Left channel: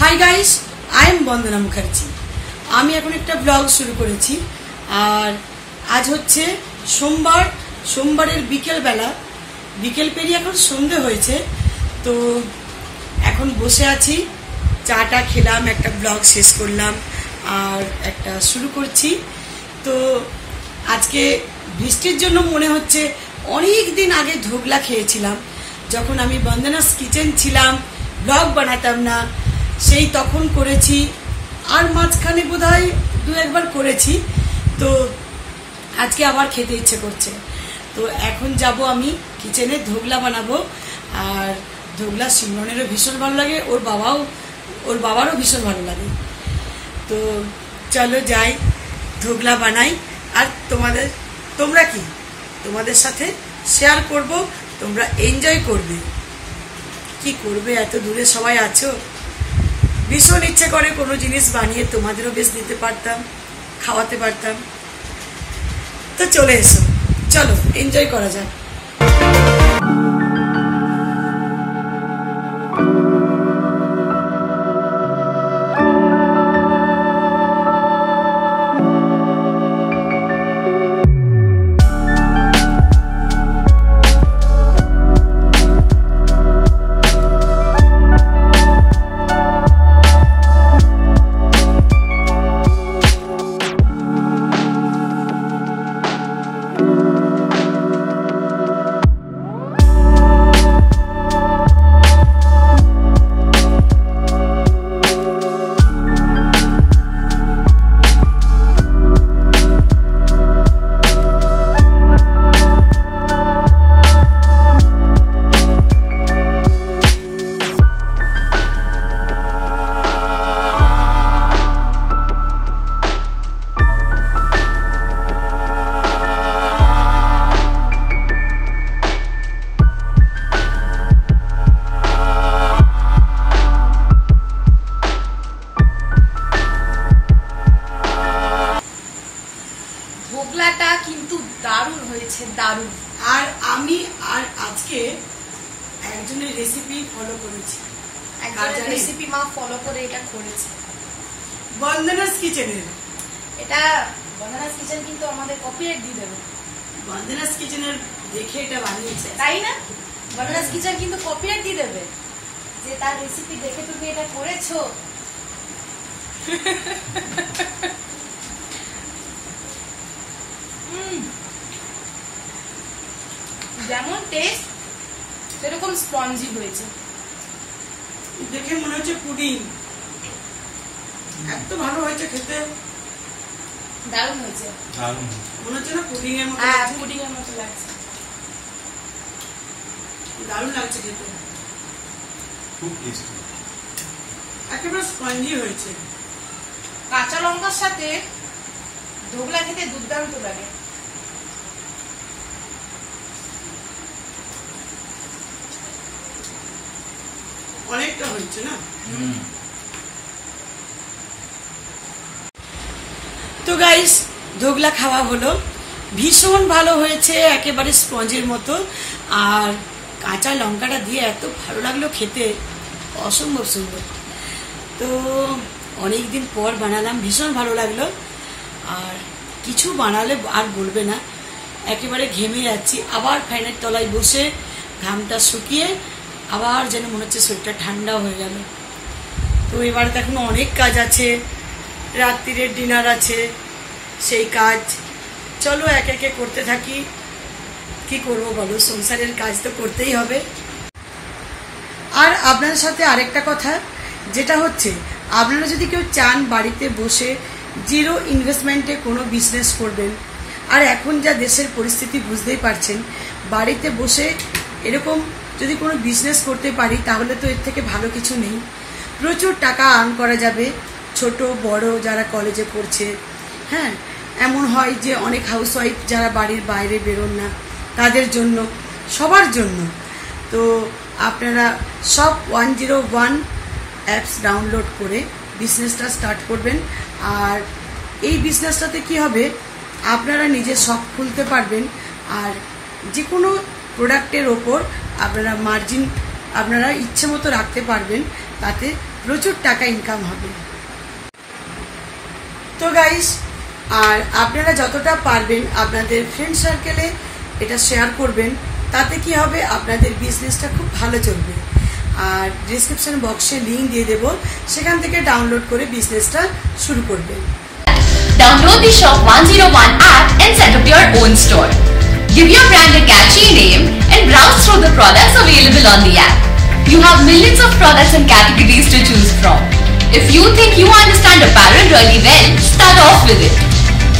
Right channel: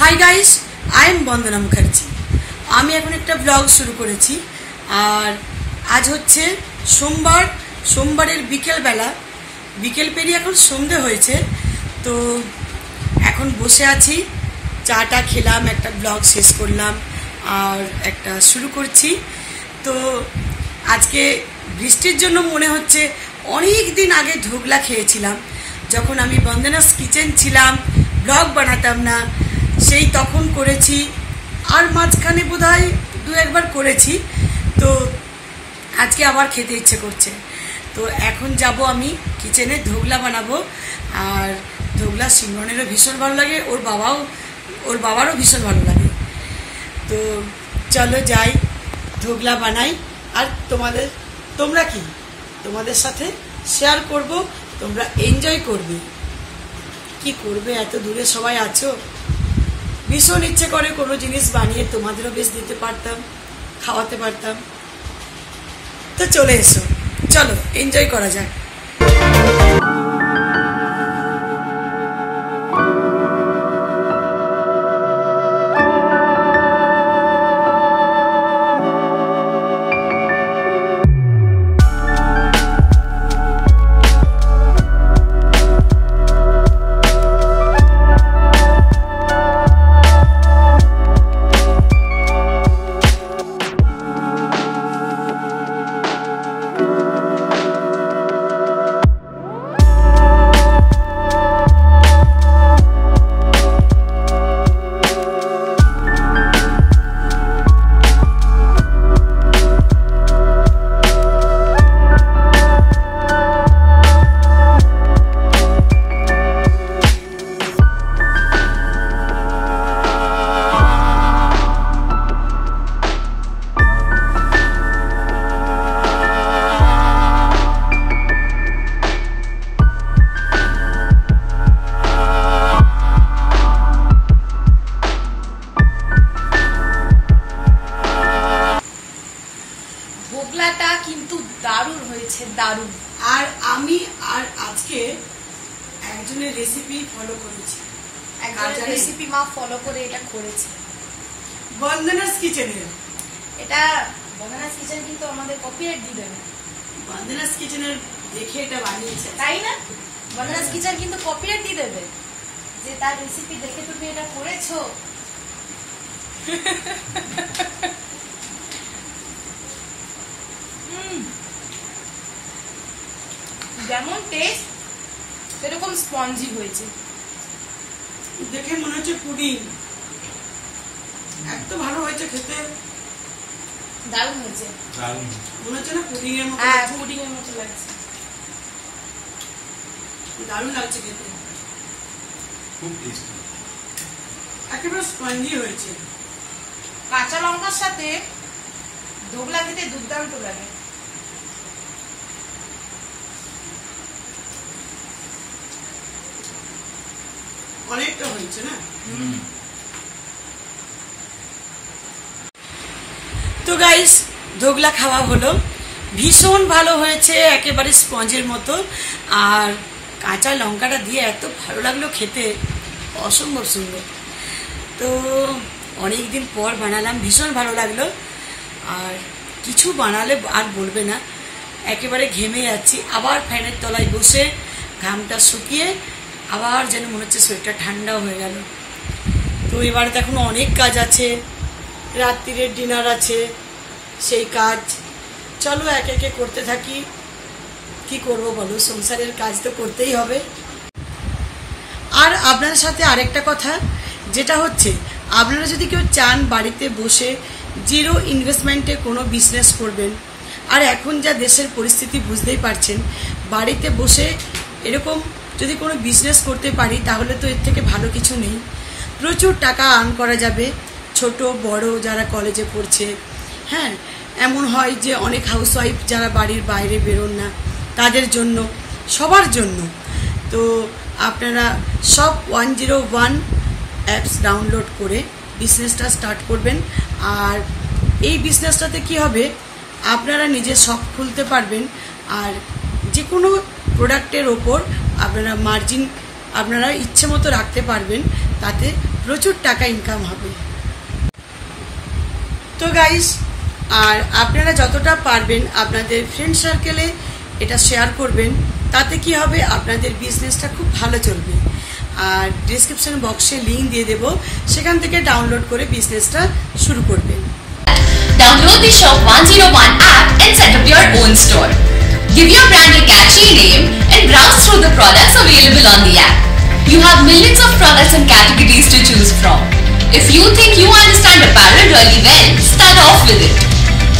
Hi guys, I am বন্দনা মুখার্জি। আমি এখন একটা ব্লগ শুরু করেছি। আর আজ হচ্ছে সোমবারের বিকেল পেরিয়ে এখন সন্ধে হয়েছে। তো এখন বসে আছি, চাটা খেলাম, একটা ব্লগ শেষ করলাম আর একটা শুরু করছি। তো আজকে বৃষ্টির জন্য মনে হচ্ছে অনেক দিন আগে ধোকলা খেয়েছিলাম, যখন আমি বন্দনাস কিচেন ছিলাম, ব্লগ বানাতাম না, সেই তখন করেছি। আর মাঝখানে বোধহয় দু একবার করেছি। তো আজকে আবার খেতে ইচ্ছে করছে। তো এখন যাব আমি কিচেনে, ধোকলা বানাবো। আর ধোকলা সিমরনেরও ভীষণ ভালো লাগে, ওর বাবারও ভীষণ ভালো লাগে। তো চলো যাই, ধোকলা বানাই। আর তোমাদের সাথে শেয়ার করব, তোমরা এনজয় করবে। কি করবে, এত দূরে সবাই আছো, ভীষণ ইচ্ছে করে কোনো জিনিস বানিয়ে তোমাদেরও বেশ দিতে পারতাম, খাওয়াতে পারতাম। তো চলে এসো, চলো এনজয় করা যায়। ধোকলাটা কিন্তু দারুণ হয়েছে, দারুণ। আর আজকে একজনের রেসিপি ফলো করেছি, রেসিপি মা ফলো করে এটা করেছে, বন্দনাস কিচেনের। এটা বন্দনাস কিচেন কিন্তু আমাদের কপিরাইট দিয়ে দেবে। বন্দনাস কিচেনের দেখে এটা বানিয়েছে, তাই না? বন্দনাস কিচেন কিন্তু কপিরাইট দিয়ে দেবে যে তার রেসিপি দেখে তুমি এটা করেছো। যেমন টেস্ট সেরকম স্পঞ্জি হয়েছে, দেখে মনে হচ্ছে পুডিং। এত ভালো হয়েছে খেতে, দারুণ হয়েছে। মনে হচ্ছে না পুডিং এর মতো? হ্যাঁ, পুডিং এর মতো লাগছে, দারুণ লাগছে খেতে, খুব টেস্টি, একেবারে স্পঞ্জি হয়েছে। কাঁচা লঙ্কার সাথে ধোকলা খেতে দুর্দান্ত লাগে। অনেকটা হয়েছে না? তো গাইস, ধোকলা খাওয়া হলো, ভীষণ ভালো হয়েছে, একেবারে স্পঞ্জের মতো। আর কাঁচা লঙ্কাটা দিয়ে এত ভালো লাগলো খেতে, অসম্ভব সুন্দর। তো অনেকদিন পর বানালাম, ভীষণ ভালো লাগলো। আর কিছু বানালে আর বলবে না, একেবারে ঘেমে যাচ্ছি। আবার ফ্যানের তলায় বসে ঘামটা শুকিয়ে আবার যেন মনে হচ্ছে শরীরটা ঠান্ডা হয়ে গেল। তো এবারে তো এখন অনেক কাজ আছে, রাত্রিরের ডিনার আছে, সেই কাজ। চলো একে একে করতে থাকি। কি করবো বলো, সংসারের কাজ তো করতেই হবে। আর আপনার সাথে আরেকটা কথা, যেটা হচ্ছে আপনারা যদি কেউ চান বাড়িতে বসে জিরো ইনভেস্টমেন্টে কোনো বিজনেস করবেন, আর এখন যা দেশের পরিস্থিতি বুঝতেই পারছেন, বাড়িতে বসে এরকম যদি কোনো বিজনেস করতে পারি তাহলে তো এর থেকে ভালো কিছু নেই। প্রচুর টাকা আর্ন করা যাবে, ছোট বড় যারা কলেজে পড়ছে। হ্যাঁ, এমন হয় যে অনেক হাউসওয়াইফ যারা বাড়ির বাইরে বেরোন না, তাদের জন্য, সবার জন্য। তো আপনারা সব 101 অ্যাপস ডাউনলোড করে বিজনেসটা স্টার্ট করবেন। আর এই বিজনেসটাতে কি হবে, আপনারা নিজে শপ খুলতে পারবেন। আর যে কোনো প্রোডাক্টের ওপর আপনারা মার্জিন আপনারা ইচ্ছে মতো রাখতে পারবেন, তাতে প্রচুর টাকা ইনকাম হবে। তো গাইস, আর আপনারা যতটা পারবেন আপনাদের ফ্রেন্ড সার্কেলে এটা শেয়ার করবেন, তাতে কি হবে আপনাদের বিজনেসটা খুব ভালো চলবে। আর ডিসক্রিপশন বক্সে লিংক দিয়ে দেব, সেখান থেকে ডাউনলোড করে বিজনেসটা শুরু করবেন। Download the Shop 101 app and set up your own store. Give your brand a catchy name and browse through the products available on the app. You have millions of products and categories to choose from. If you think you understand apparel really well, start off with it.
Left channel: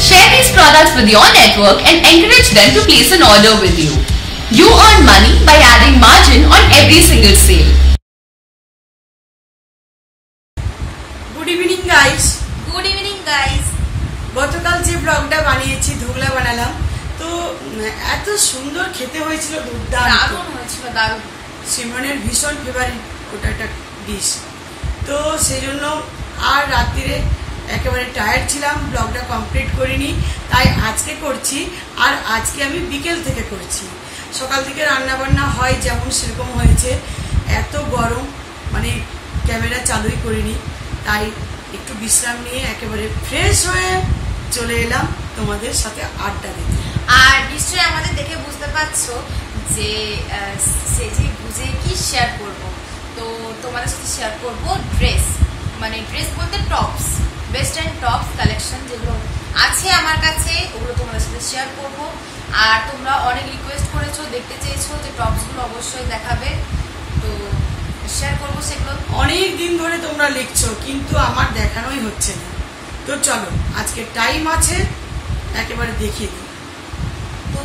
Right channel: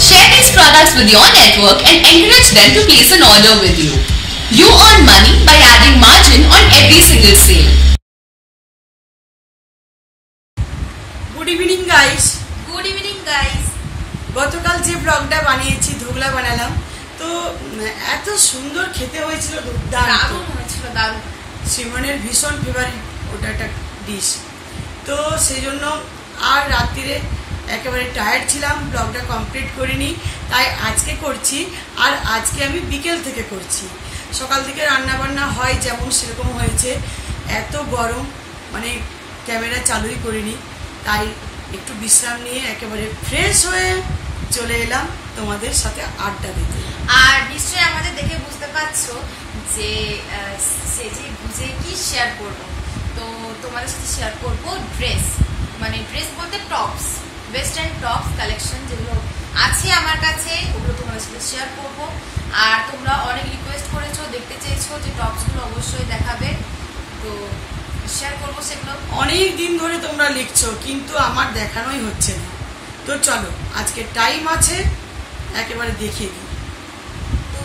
Share these products with your network and encourage them to place an order with you. You earn money by adding margin on every single sale. Good evening guys. Good evening guys. গতকাল যে ব্লগটা বানিয়েছি, ধোগলা বানালাম, তো এত সুন্দর খেতে হয়েছিল, দারুণ হয়েছিল, দারুণ। সিমনের ভীষণ ফেভারিট ওটা একটা ডিশ। তো সেই জন্য আর রাত্রিরে একেবারে টায়ার্ড ছিলাম, ব্লগটা কমপ্লিট করিনি, তাই আজকে করছি। আর আজকে আমি বিকেল থেকে করছি, সকাল থেকে রান্না বান্না হয় যেমন সেরকম হয়েছে। এত গরম, মানে ক্যামেরা চালুই করিনি, তাই একটু বিশ্রাম নিয়ে একেবারে ফ্রেশ হয়ে চলে এলাম তোমাদের সাথে আড্ডা দিতে। আর নিশ্চয়ই আমাদের দেখে বুঝতে পারছো যে সেজে বুঝে কি শেয়ার করব। তো তোমাদের সাথে শেয়ার করব ড্রেস, মানে ড্রেস বলতে টপস, ওয়েস্টার্ন টপস কালেকশন যেগুলো আছে আমার কাছে, ওগুলো তোমাদের সাথে শেয়ার করব। আর তোমরা অনেক রিকোয়েস্ট করেছো, দেখতে চেয়েছো যে টপসগুলো অবশ্যই দেখাবে, তো শেয়ার করবো সেগুলো। অনেক দিন ধরে তোমরা লিখছো, কিন্তু আমার দেখানোই হচ্ছে না। তো চলো, আজকে টাইম আছে, একেবারে দেখিয়ে দিই।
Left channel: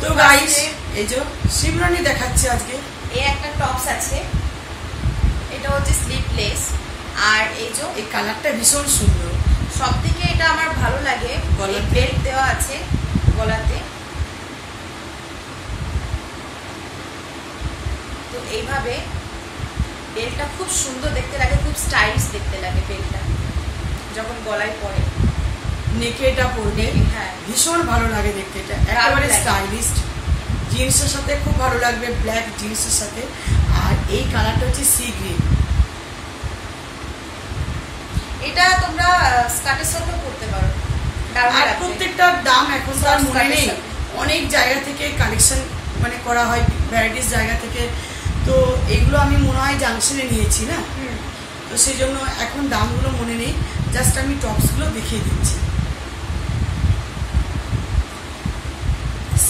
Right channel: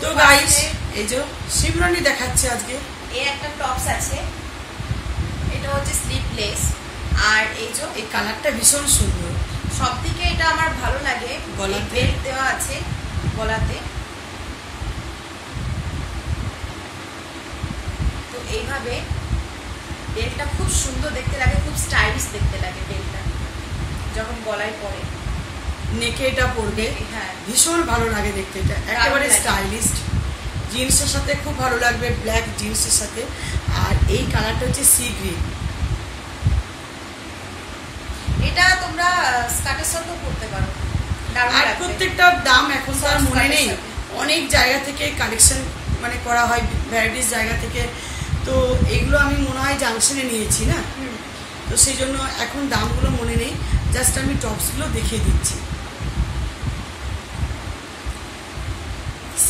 তো গাইস, এই যে শিবরানি দেখাচ্ছে আজকে। এই একটা টপস আছে, এটা হচ্ছে স্লিভলেস, আর এই যে এই কালারটা ভীষণ সুন্দর। সব থেকে এটা আমার ভালো লাগে, গলাতে বেল্ট দেওয়া আছে গলাতে। তো এইভাবে বেল্টটা খুব সুন্দর দেখতে লাগে, খুব স্টাইলিশ দেখতে লাগে বেল্টটা যখন গলায় পরে। নেকে এটা পরবে, হ্যাঁ, ভীষণ ভালো লাগে দেখতে, এটা একেবারে স্টাইলিশ। জিন্সের সাথে খুব ভালো লাগবে, ব্ল্যাক জিন্সের সাথে। আর এই কালারটা হচ্ছে সি গ্রিন। এটা তোমরা স্কার্টের সাথেও পরতে পারো। আর প্রত্যেকটার দাম এখন তো আর মনে নেই, অনেক জায়গা থেকে কালেকশন মানে করা হয়, ভ্যারাইটিস জায়গা থেকে। তো এগুলো আমি মনে হয় জাংশনে নিয়েছি না, তো সেই জন্য এখন দামগুলো মনে নেই, জাস্ট আমি টপসগুলো দেখিয়ে দিচ্ছি।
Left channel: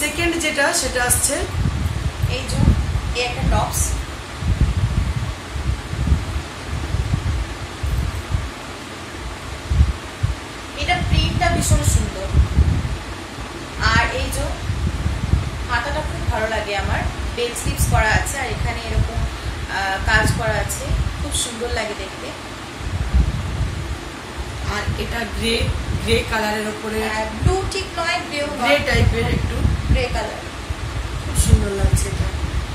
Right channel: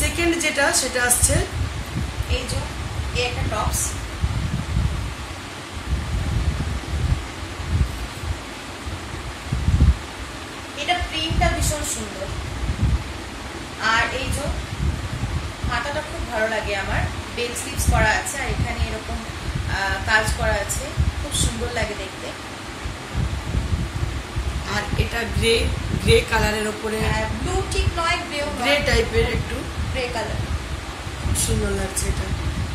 সেকেন্ড যেটা, সেটা আসছে এই যে এই একটা টপস, এটা প্রিন্টটা ভীষণ সুন্দর। আর এই যে হাতাটা খুব ভালো লাগে আমার, বেল স্লিভস করা আছে, আর এখানে এরকম কাজ করা আছে, খুব সুন্দর লাগে দেখতে। আর এটা গ্রে গ্রে কালারের উপরে, ব্লু ঠিক নয়, গ্রে টাইপের একটু গ্রে কালার, খুব সুন্দর লাগছে। এটা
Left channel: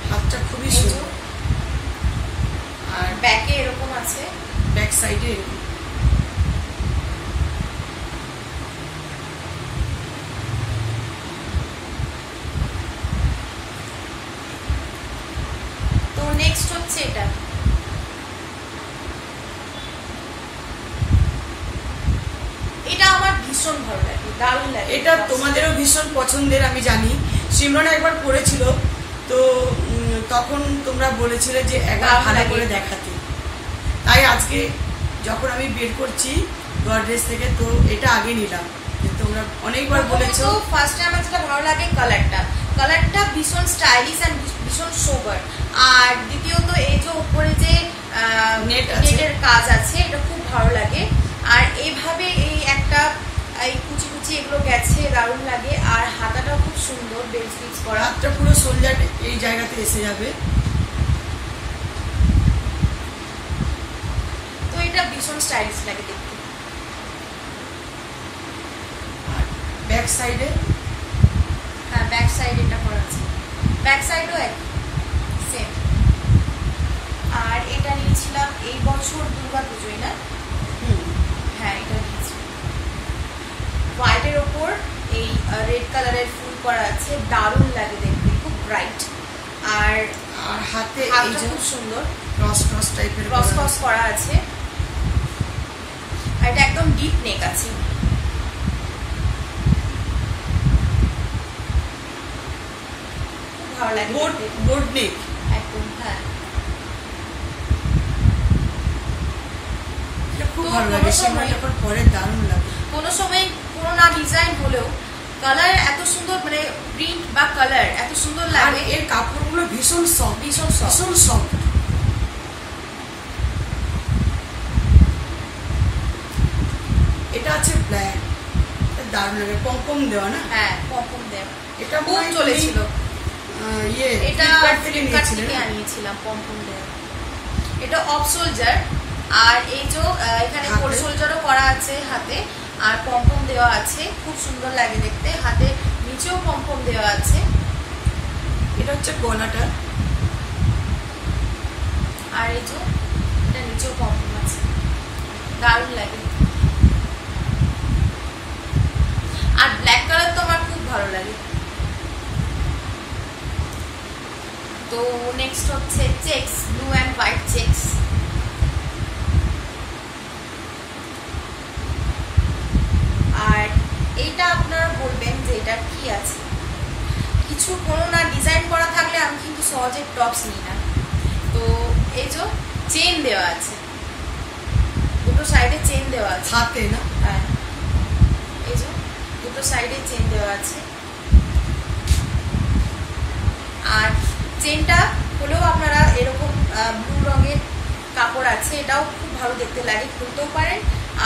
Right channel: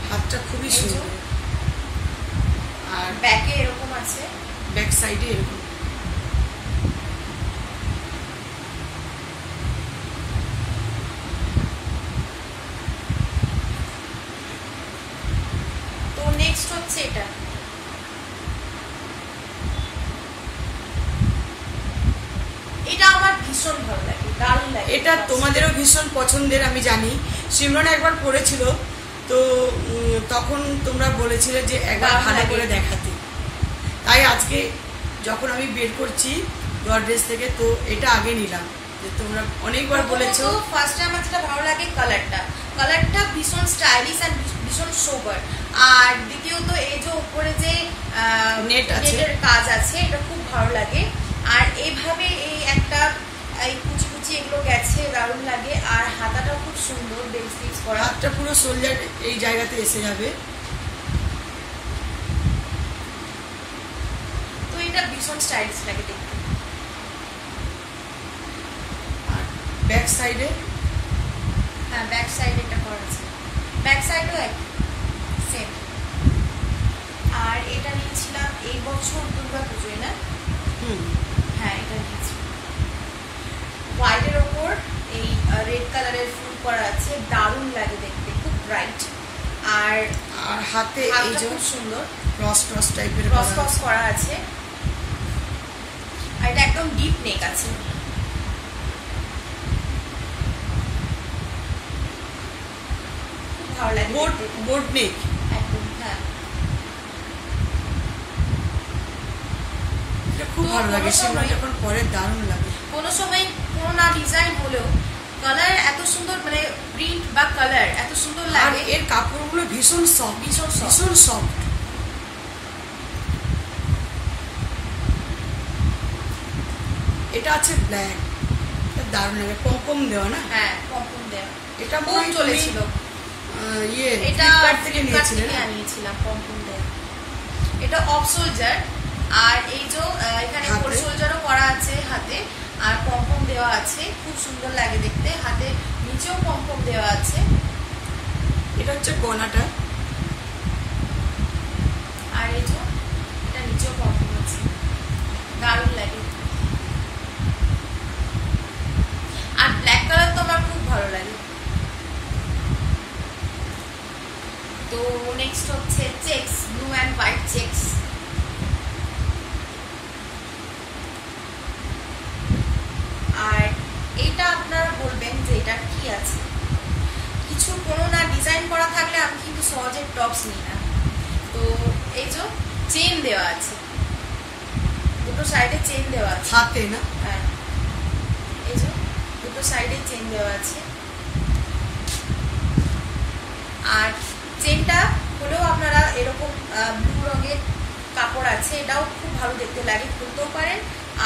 হাতটা খুবই সুন্দর। আর ব্যাকে এরকম আছে, ব্যাক সাইডে এরকম। তো নেক্সট হচ্ছে এটা, এটা আমার ভীষণ ভালো লাগে, দারুণ লাগে। এটা তোমাদেরও ভীষণ পছন্দের আমি জানি, সিমরন একবার পরেছিল, তো তখন তোমরা বলেছিলে যে একবার ভালো করে দেখাতে, তাই আজকে যখন আমি বের করছি গডরেজ থেকে, তো এটা আগে নিলাম। তোমরা অনেকবার বলেছো। ফার্স্টে আমার যেটা ভালো লাগে কালারটা ভীষণ স্টাইলিশ আর ভীষণ সোবার। আর দ্বিতীয়ত এই যে উপরে যে নেটের কাজ আছে, এটা খুব ভালো লাগে। আর এইভাবে এই একটা এই কুচি কুচি এগুলো গেছে, দারুণ লাগে। আর হাতাটাও খুব সুন্দর, বেল স্লিভস করা, হাতটা পুরো সোলজার এই জায়গাতে এসে যাবে। তো এটা ভীষণ স্টাইলিশ লাগে দেখতে। ব্যাক সাইডে, হ্যাঁ ব্যাক সাইডে এটা করা আছে, ব্যাক সাইডও এক সেম। আর এটা নিয়েছিলাম এই বছর দুর্গা পুজোয়, না? হ্যাঁ, এটা নিয়েছি হোয়াইটের ওপর এই রেড কালারের ফুল করা আছে, দারুণ লাগে দেখতে, খুব ব্রাইট। আর হাতে এই যে খুব সুন্দর ক্রস ক্রস টাইপের ক্রস ক্রস করা আছে। আর এটা একদম ডিপ নেক আছে। খুব ভালো লাগে বোর্ড নেক একদম। হ্যাঁ, খুব ভালো লাগে, সময় যখন পরে দারুণ লাগে। কোনো সময় পুরোনো ডিজাইন হলেও কালার এত সুন্দর, মানে প্রিন্ট বা কালার এত সুন্দর আর লাগে। এর কাপড়গুলো ভীষণ সফট, ভীষণ soft। ভীষণ সফট। এটা আছে ব্ল্যাক, দারুণ লাগে, পম দেওয়া না? হ্যাঁ, পম দেওয়া। এটা খুব মনে হয় চলেছিল। ইয়ে এটা Flipkart থেকে Flipkart নিয়েছিলেন থেকে না? আনিয়েছিলাম পম দেওয়া। এটা অফ সোলজার, আর এই যে এখানে হাতে? ফুল সোলজারও করা আছে হাতে, আর পম দেওয়া আছে। খুব সুন্দর লাগে দেখতে। হাতে নিচেও পম দেওয়া আছে। এটা হচ্ছে গলাটা, আর এই যে এটা নিচেও পম আছে, দারুণ লাগে। আর ব্ল্যাক কালার তো আমার খুব ভালো লাগে। তো নেক্সট হচ্ছে checks, blue and white checks. আর এইটা আপনারা বলবেন যে এটা কি আছে, কিছু কোনো না ডিজাইন করা থাকলে আমি কিন্তু সহজে টপস নিই না। তো এই যে চেন দেওয়া আছে, দুটো সাইডে চেন দেওয়া আছে। হাতে না? হ্যাঁ, এই যে দুটো সাইডে চেন দেওয়া আছে। আর চেনটা হলেও আপনারা এরকম ব্লু রঙের কাপড় আছে, এটাও খুব ভালো দেখতে লাগে, খুলতেও পারেন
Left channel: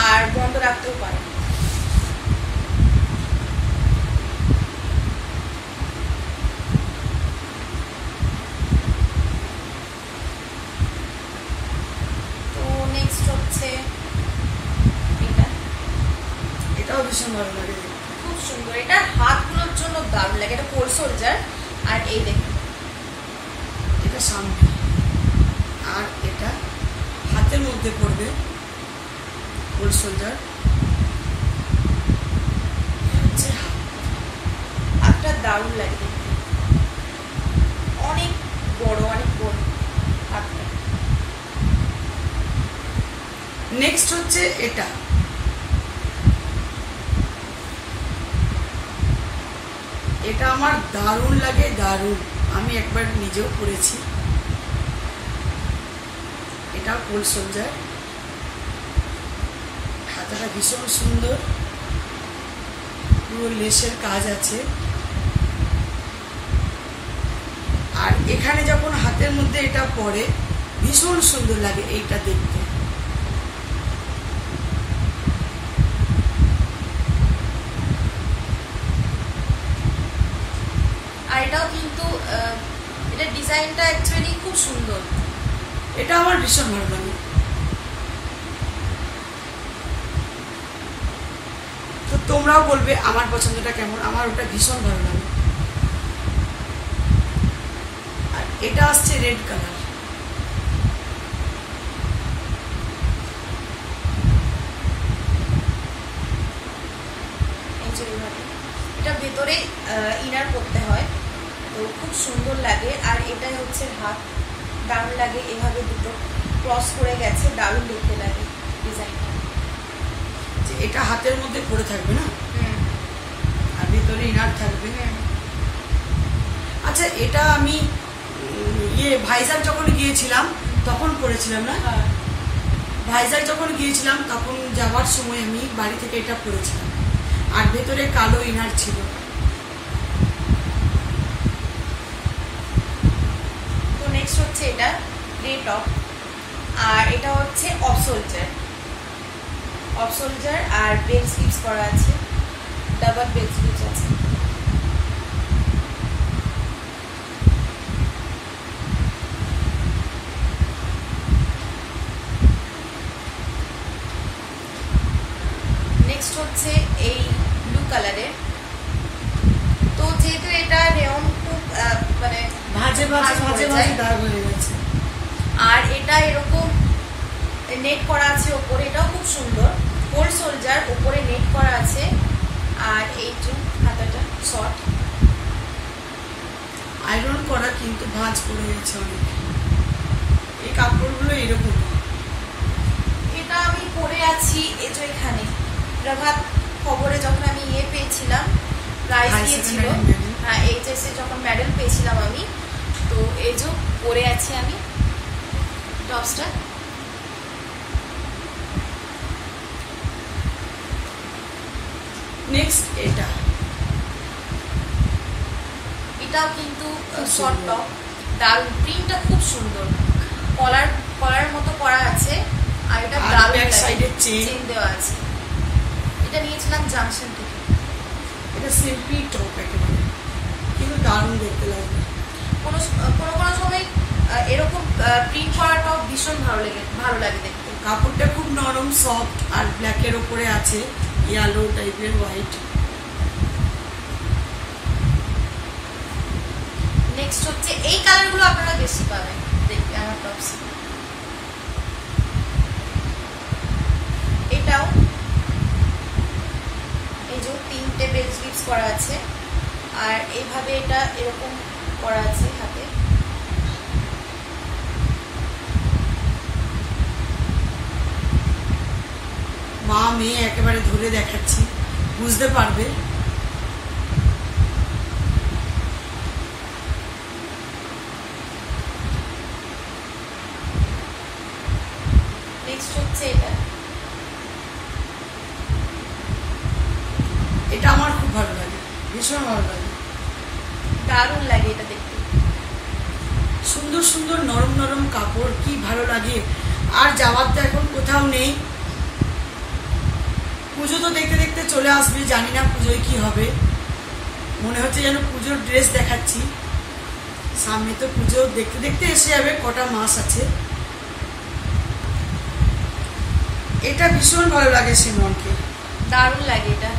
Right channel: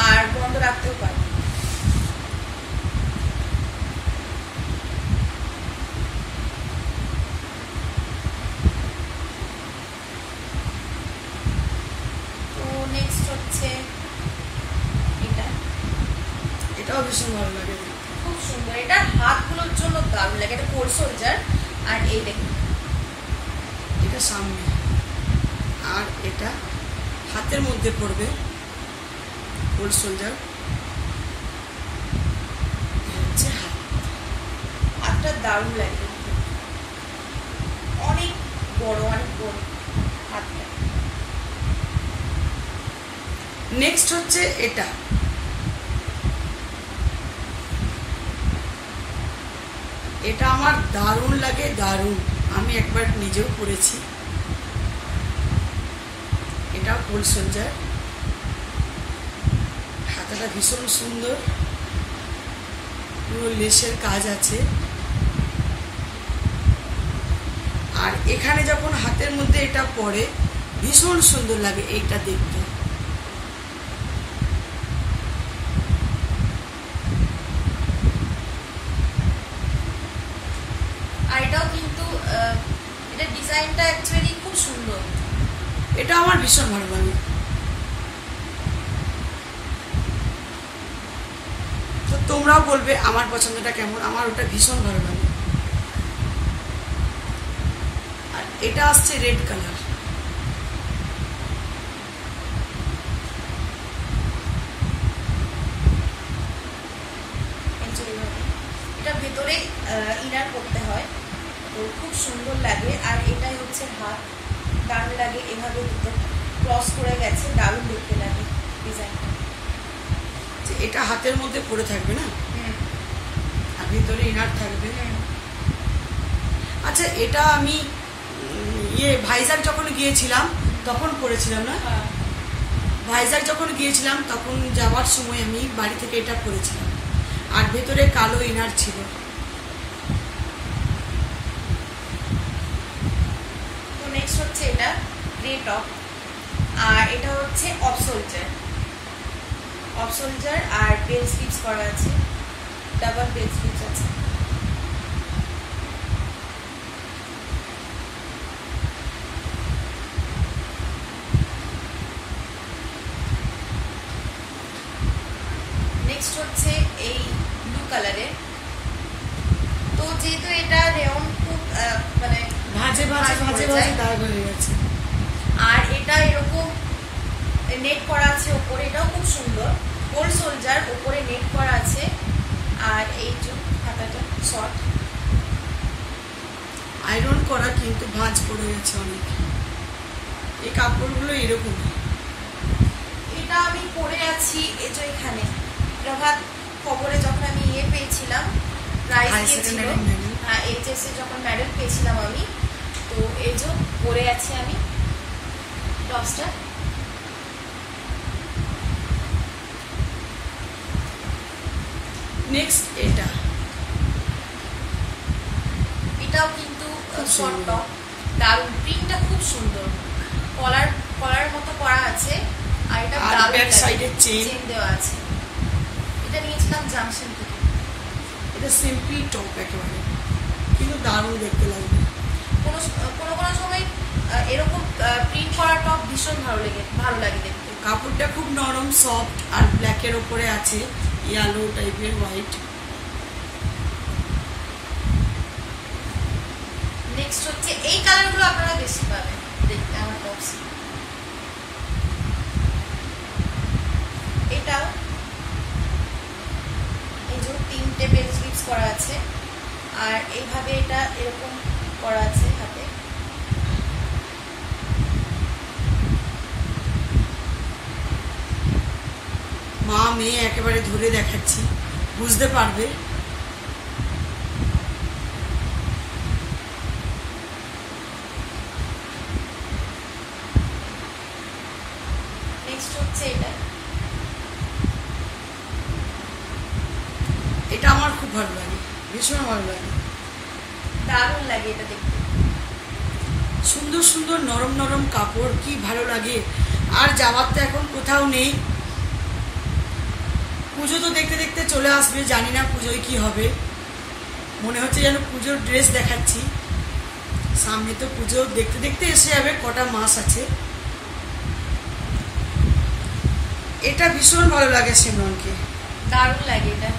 আর বন্ধ রাখতেও পারেন। তো নেক্সট হচ্ছে এটা, এটাও ভীষণ ভালো লাগে। খুব সুন্দর। এটা হাতগুলোর জন্য দারুণ লাগে। এটা কোল সোলজার, আর এই দেখুন এটা সামনে, আর এটা হাতের মধ্যে পড়বে ফুল সোলজার। হচ্ছে হাত, হাতটা দারুণ লাগে দেখতে। অনেক বড়, অনেক বড় হাতটা। নেক্সট হচ্ছে এটা, এটা আমার দারুণ লাগে, দারুণ। আমি একবার নিজেও পরেছি। এটা ফুল সোলজার, হাতাটা ভীষণ সুন্দর, পুরো লেসের কাজ আছে। আর এখানে যখন হাতের মধ্যে এটা পরে ভীষণ সুন্দর লাগে এটা দেখতে। আর এটাও কিন্তু এটা ডিজাইনটা অ্যাকচুয়ালি খুব সুন্দর। এটা আমার ভীষণ ভালো লাগে। তো তোমরাও বলবে আমার পছন্দটা কেমন। আমার ওটা ভীষণ ভালো লাগে। আর এটা আসছে রেড কালার, এটা ভেতরে ইনার করতে হয়, তো খুব সুন্দর লাগে। আর এটাই হচ্ছে হাত, দারুণ লাগে। এভাবে দুটো ক্রস করে গেছে, দারুণ দেখতে লাগে ডিজাইনটা। এটা হাতের মধ্যে পড়ে থাকবে না, আর ভিতরে ইনার থাকবে। আচ্ছা, এটা আমি ভাইজাগ যখন গিয়েছিলাম তখন পরেছিলাম না? ভাইজাগ যখন গিয়েছিলাম তখন যাওয়ার সময় আমি বাড়ি থেকে এটা পরেছিলাম, আর ভেতরে কালো ইনার ছিল। তো নেক্সট হচ্ছে এটা গ্রে টপ, আর এটা হচ্ছে অফ সোলজার। অফ সোলজার আর বেল স্লিভস করা আছে, ডাবল বেল স্লিভস আছে। নেক্সট হচ্ছে এই ব্লু কালারের। তো যেহেতু এটা রেয়ন খুব মানে ভাজে ভাজে ভাজে ভাজে দাগ হয়ে গেছে। আর এটা এরকম নেট করা আছে ওপরে, এটাও খুব সুন্দর। কোল সোলজার, ওপরে নেট করা আছে। আর এই যে হাতাটা শর্ট, আয়রন করা, কিন্তু ভাঁজ পড়ে গেছে অনেক। এই কাপড়গুলো এরকম। এটা আমি পরে আছি আছি এই যে এখানে প্রভাত খবরে যখন আমি পেয়েছিলাম, প্রাইজ পেয়েছিল, হ্যাঁ এইচএস এ যখন মেডেল পেয়েছিলাম আমি, তো এই যে পরে আছি আমি টপসটা। নেক্সট এটাও কিন্তু শর্ট টপ, দারুণ, প্রিন্টটা খুব সুন্দর, কলার মতো করা আছে, আর এটা দারুণ সাইডে চেন দেওয়া আছে। এটা নিয়েছিলাম জাংশন থেকে। এটা সিম্পলি টপ একেবারে, কিন্তু দারুণ দেখতে লাগবে। কোনো সময় এরকম প্রিন্ট করা টপ ভীষণ ভালো লাগে দেখতে। কাপড়টা খুব নরম, সফট, আর ব্ল্যাকের ওপরে আছে ইয়েলো টাইপের হোয়াইট। নেক্সট হচ্ছে এই কালারগুলো আপনারা বেশি পাবেন দেখতে আমার টপস। এটাও এই যে 3টে বেল স্লিপস করা আছে, আর এইভাবে এটা এরকম করা আছে হাতে। মা মেয়ে একেবারে ধরে দেখাচ্ছি, বুঝতে পারবে। নেক্সট হচ্ছে এটা আমার খুব ভালো লাগে, ভীষণ ভালো লাগে, দারুণ লাগে এটা দেখতে। সুন্দর সুন্দর নরম নরম কাপড়, কি ভালো লাগে। আর যাওয়ার তো এখন কোথাও নেই, পুজো তো দেখতে দেখতে চলে আসবে, জানি না পুজোয় কি হবে। মনে হচ্ছে যেন পুজোর ড্রেস দেখাচ্ছি, সামনে তো পুজো দেখতে দেখতে এসে যাবে, কটা মাস আছে। এটা ভীষণ ভালো লাগে সিমরনকে, দারুণ লাগে এটা।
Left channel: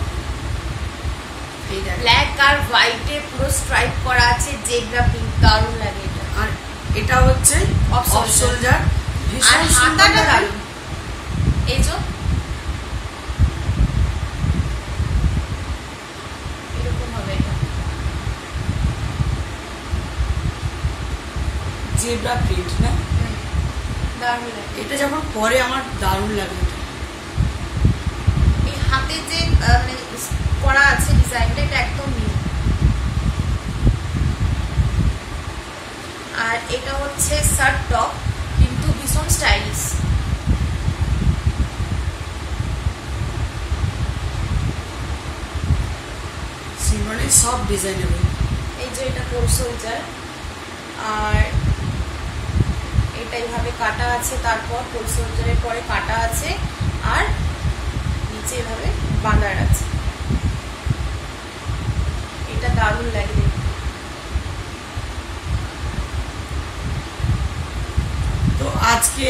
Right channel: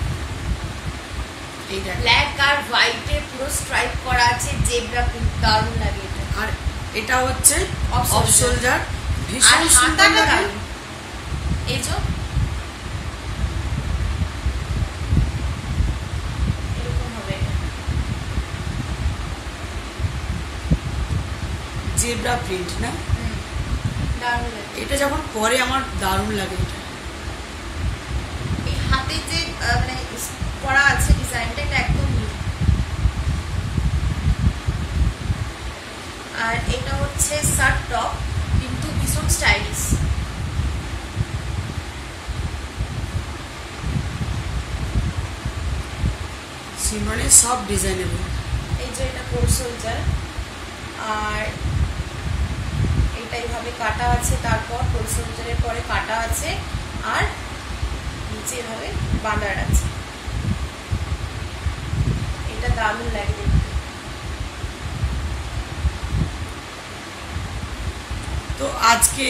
ব্ল্যাক আর হোয়াইটে পুরো স্ট্রাইপ করা আছে, জেব্রা প্রিন্ট, দারুণ লাগে এটা। আর এটা হচ্ছে অফ শোল্ডার, ভীষণ সুন্দর দারুণ। এই যে এরকম হবে এটা, জেব্রা প্রিন্ট না, দারুণ লাগে। এটা যখন পরে আমার দারুণ লাগে। এই হাতে যে মানে করা আছে ডিজাইনটা, এটা একদম নিউ। আর এটা হচ্ছে শার্ট টপ, কিন্তু ভীষণ স্টাইলিশ। সিমরনের সব ডিজাইনেবল। এই যে এটা কোট সোলজার, আর এটা এইভাবে কাটা আছে, তারপর কোট সোলজারের পরে কাটা আছে, আর নিচে এভাবে বাঁধার আছে। এটা দারুণ লাগে। তো আজকে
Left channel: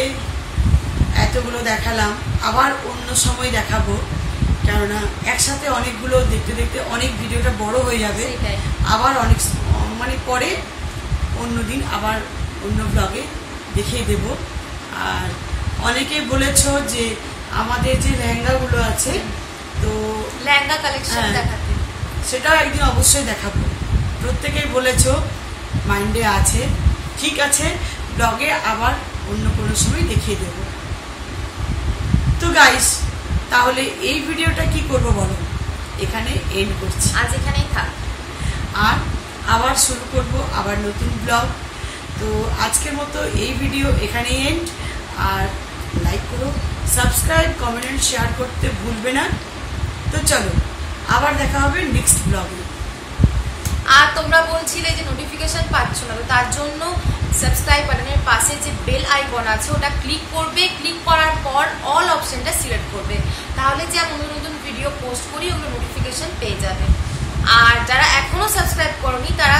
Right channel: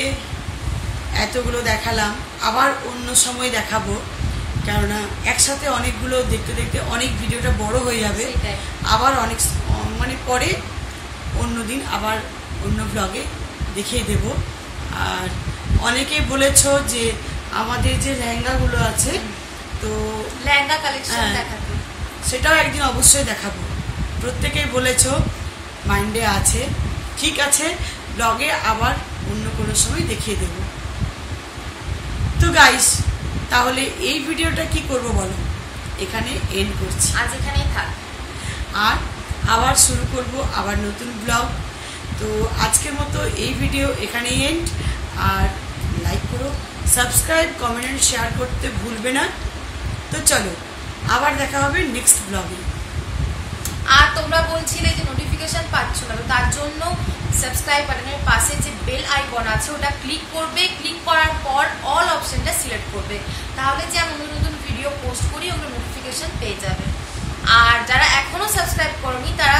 এতগুলো দেখালাম, আবার অন্য সময় দেখাবো, কেননা একসাথে অনেকগুলো দেখতে দেখতে অনেক ভিডিওটা বড় হয়ে যাবে। আবার অনেক মানে পরে অন্যদিন আবার অন্য ব্লগে দেখিয়ে দেব। আর অনেকেই বলেছো যে আমাদের যে লেহেঙ্গাগুলো আছে, তো লেহেঙ্গা কালেকশন দেখাতে, সেটাও একদিন অবশ্যই দেখাবো। প্রত্যেকেই বলেছো, মাইন্ডে আছে। ঠিক আছে, ব্লগে আবার অন্য কোনো সময় দেখিয়ে দেব। তো গাইস, তাহলে এই ভিডিওটা কি করব বলো, এখানে এন্ড করছি, আজ এখানেই থাক। আর আবার শুরু করব আবার নতুন ব্লগ। তো আজকের মতো এই ভিডিও এখানেই এন্ড। আর লাইক করো, সাবস্ক্রাইব, কমেন্ট, শেয়ার করতে ভুলবে না। তো চলো, আবার দেখা হবে নেক্সট ব্লগে। আর তোমরা বলছিলে যে নোটিফিকেশন পাচ্ছ না, তো তার জন্য সাবস্ক্রাইব বাটনের পাশে যে বেল আইকন আছে ওটা ক্লিক করবে। ক্লিক করার পর অল অপশনটা সিলেক্ট করবে, তাহলে যে আমি নতুন ভিডিও পোস্ট করি ওগুলো নোটিফিকেশন পেয়ে যাবে। আর যারা এখনো সাবস্ক্রাইব করোনি তারা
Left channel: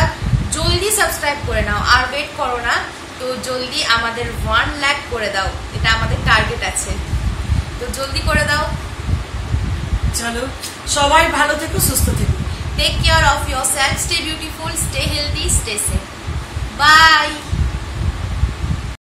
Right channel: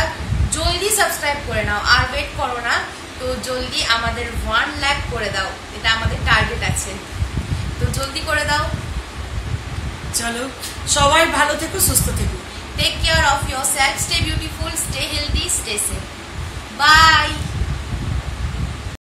জলদি সাবস্ক্রাইব করে নাও, আর ওয়েট করো না। তো জলদি আমাদের 1 লাখ করে দাও, এটা আমাদের টার্গেট আছে, তো জলদি করে দাও। চলো, সবাই ভালো থেকো, সুস্থ থেকো। Take care of yourself, stay beautiful, stay healthy, stay safe. Bye.